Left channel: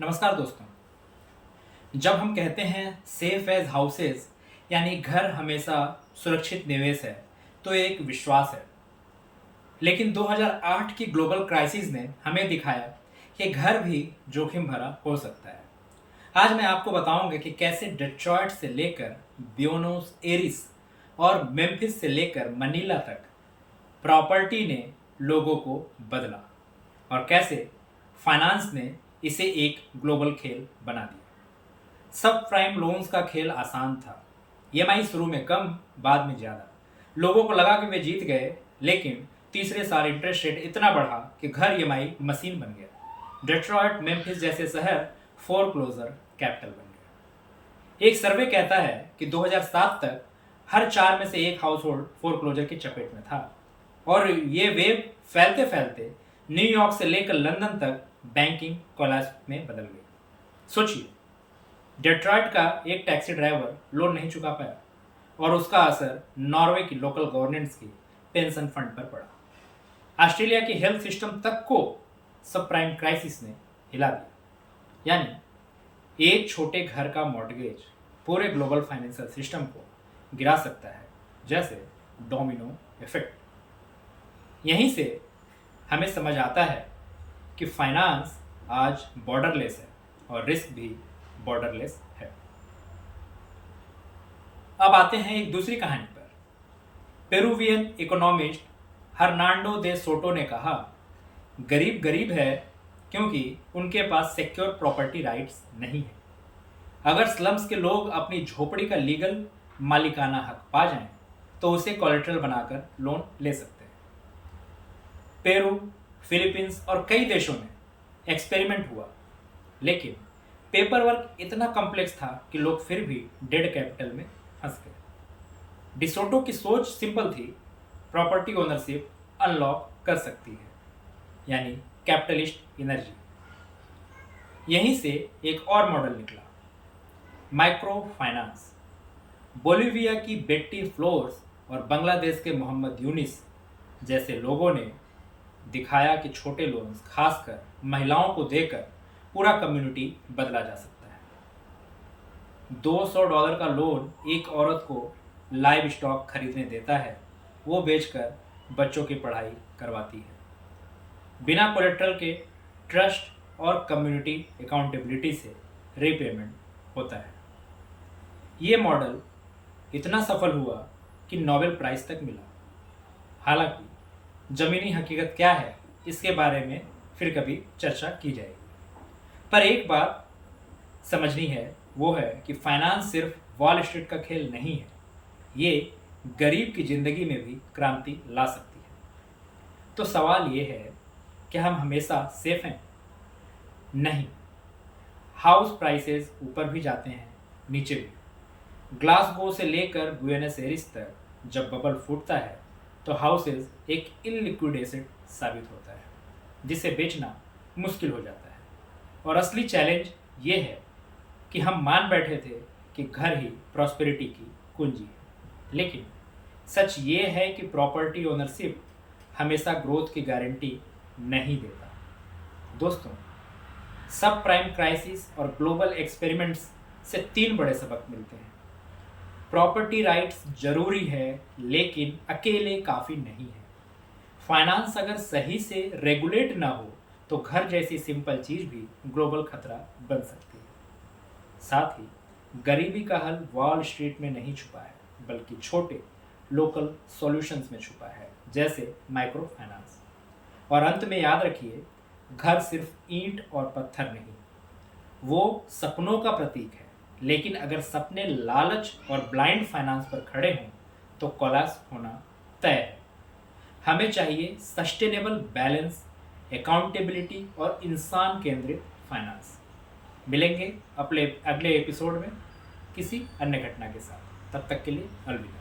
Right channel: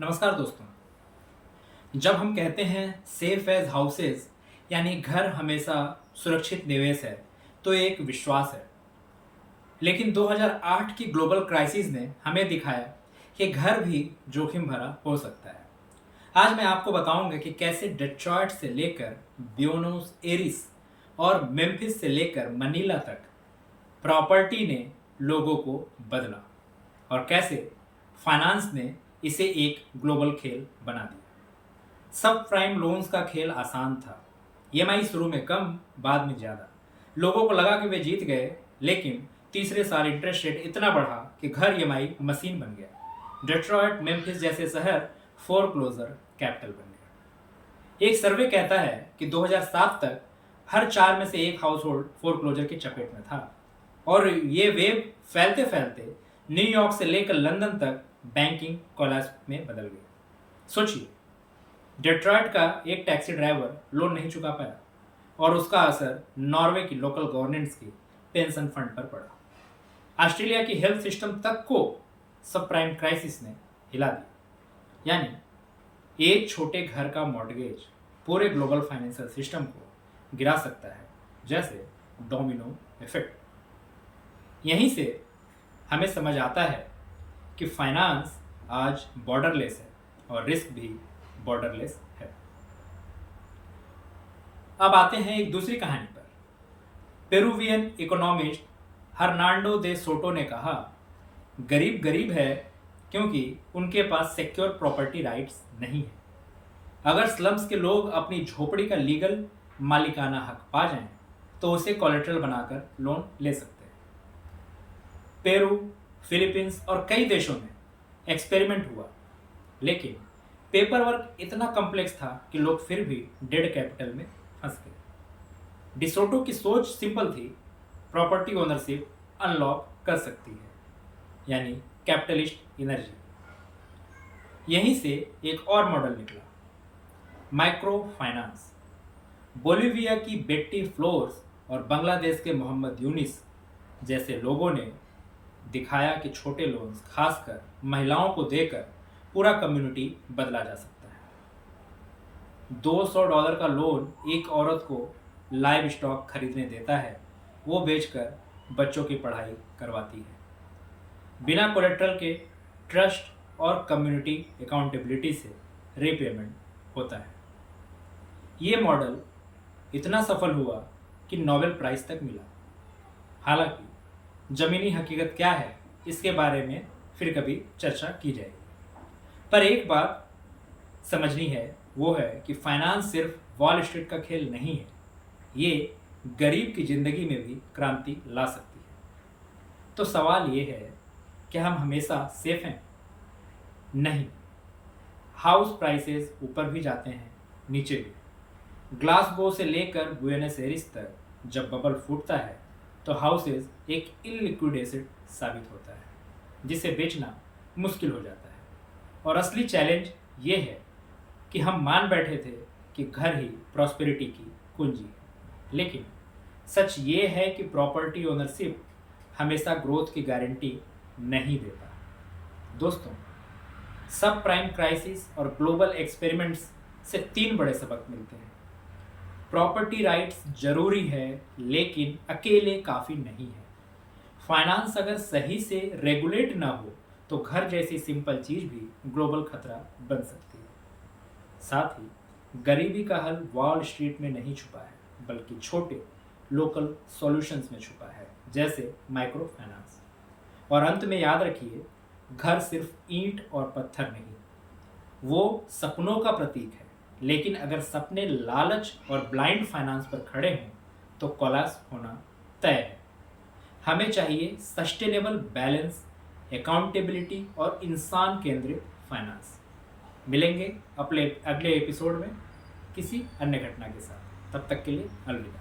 नमस्कार दोस्तों। जब हम कहते हैं सेफ एज हाउसेज यानी घर हमेशा सुरक्षित निवेश है, तो ये एक विश्वास है। लेकिन 2008 की ग्लोबल क्राइसिस ने हमें दिखाया कि घर भी जोखिम भरा हो सकता है। आज मैं आपको बताऊंगा कि कैसे डेट्रॉयट से लेकर ब्यूनोस एरिस और मेम्फिस से लेकर मनीला तक प्रॉपर्टी ने लोगों को बदला और कैसे फाइनेंस ने इसे एक ग्लोबल खेल बना दिया। सब प्राइम लोन्स का खेल आसान था। ईएमआई शुरू में कम, बाद में ज़्यादा। लोगों को लगा कि वे जीत गए, लेकिन तीसरे साल इंटरेस्ट रेट इतना बढ़ा कि घर ईएमआई मशीन बन गया। डेट्रॉयट, मेम्फिस जैसे शहर फोरक्लोजर कैपिटल बन गए। एक सर्वे कहता है कि 2007 तक हर 4 में से एक हाउस होल्ड फोरक्लोजर की चपेट में था और ये वेव फैलते फैलते न्यूयॉर्क से लेकर लंदन तक बैंकिंग कोलैप्स में बदल गई। सोचिए, डेट्रॉयट का एक टैक्सी ड्राइवर लोन नहीं चुका पाया और उसका असर नॉर्वे की लोकल गवर्नेंस की पेंशन फंड पर पड़ा। ऑस्ट्रेलिया की हेल्थ सिस्टम तक को सब प्राइम क्राइसिस ने हिला दिया। यानी एक छोटे घर का मॉर्गेज पूरे ग्लोबल फाइनेंशियल सिस्टम को गिरा सकता है, जैसे डोमिनो इफेक्ट। यहीं से हमें समझ आता है कि फाइनेंस आज बॉर्डरलेस है और रिस्क भी बॉर्डरलेस है। अब आते हैं एक दूसरी कहानी पर। पेरुवियन इकोनॉमिस्ट हर्नांडो दे सोटो ने कहा, गरीब गरीब है क्योंकि उनके पास सिक्योर प्रॉपर्टी राइट्स नहीं है। अगर स्लम्स के लोग अपनी झोपड़ी का लीगल मालिकाना हक पा जाएं, तो उसे कोलेटरल बनाकर लोन ले सकते हैं। पेरू, फिलीपींस और कई देशों में एक्सपेरिमेंट हुआ, लेकिन पेपर वर्क इतना कॉम्प्लेक्स था कि लोग फिर भी डेड कैपिटल में फंस गए। डिसोटो की सोच सिंपल थी, प्रॉपर्टी ओनरशिप अनलॉक कर सकती है, यानी कैपिटलिस्ट एनर्जी। यहीं से एक और मॉडल निकला, माइक्रो फाइनेंस। बोलिविया की बेट्टी फ्लोर्स और बांग्लादेश के मोहम्मद यूनिस जैसे लोगों ने दिखाया कि छोटे लोन्स, खासकर महिलाओं को देकर पूरा कम्युनिटी बदला जा सकता है। $200 का लोन एक औरत को लाइव स्टॉक खरीदने देता है, वो बेचकर बच्चों की पढ़ाई करवाती है। बिना कोलेट्रल के ट्रस्ट और कम्युनिटी अकाउंटेबिलिटी से रीपेमेंट होता है। ये मॉडल इतना सफल हुआ कि नोबेल प्राइज़ तक मिला। हालांकि ज़मीनी हकीकत क्या है, इसके बारे में फिर कभी चर्चा की जाएगी। पर एक बात समझनी है, वो है कि फाइनेंस सिर्फ वॉल स्ट्रीट का खेल नहीं है, ये गरीब की ज़िंदगी में भी क्रांति ला सकती है। तो सवाल ये है कि हम हमेशा सेफ हैं? नहीं। हाउस प्राइसेस ऊपर भी जाते हैं, नीचे भी। ग्लासगो से लेकर बुएनस एरिस तक जब बबल फूटता है, तो हाउसेस एक इलिक्विड एसेट साबित होता है, जिसे बेचना मुश्किल हो जाता है। और असली चैलेंज ये है कि हम मान बैठे थे कि घर ही प्रॉस्पेरिटी की कुंजी है, लेकिन सच ये है कि प्रॉपर्टी ओनरशिप हमेशा ग्रोथ की गारंटी नहीं देता। दोस्तों, सब प्राइम क्राइसिस और ग्लोबल एक्सपेरिमेंट्स से 3 बड़े सबक मिलते हैं। प्रॉपर्टी राइट्स जरूरी है, लेकिन अकेले काफ़ी नहीं है। फाइनेंस अगर सही से रेगुलेट ना हो, तो घर जैसी सिंपल चीज़ भी ग्लोबल खतरा बन सकती है। साथ ही गरीबी का हल वॉल स्ट्रीट में नहीं छुपा है, बल्कि छोटे लोकल सॉल्यूशंस में छुपा है, जैसे माइक्रो फाइनेंस। और अंत में याद रखिए, घर सिर्फ ईंट और पत्थर नहीं, वो सपनों का प्रतीक है। लेकिन अगर सपने लालच और ब्लाइंड फाइनेंस पर खड़े हों, तो कोलैप्स होना तय है। हमें चाहिए सस्टेनेबल बैलेंस, अकाउंटेबिलिटी और इंसान केंद्रित फाइनेंस। मिलेंगे अपने अगले एपिसोड में किसी अन्य घटना के साथ। तब तक के लिए अलविदा।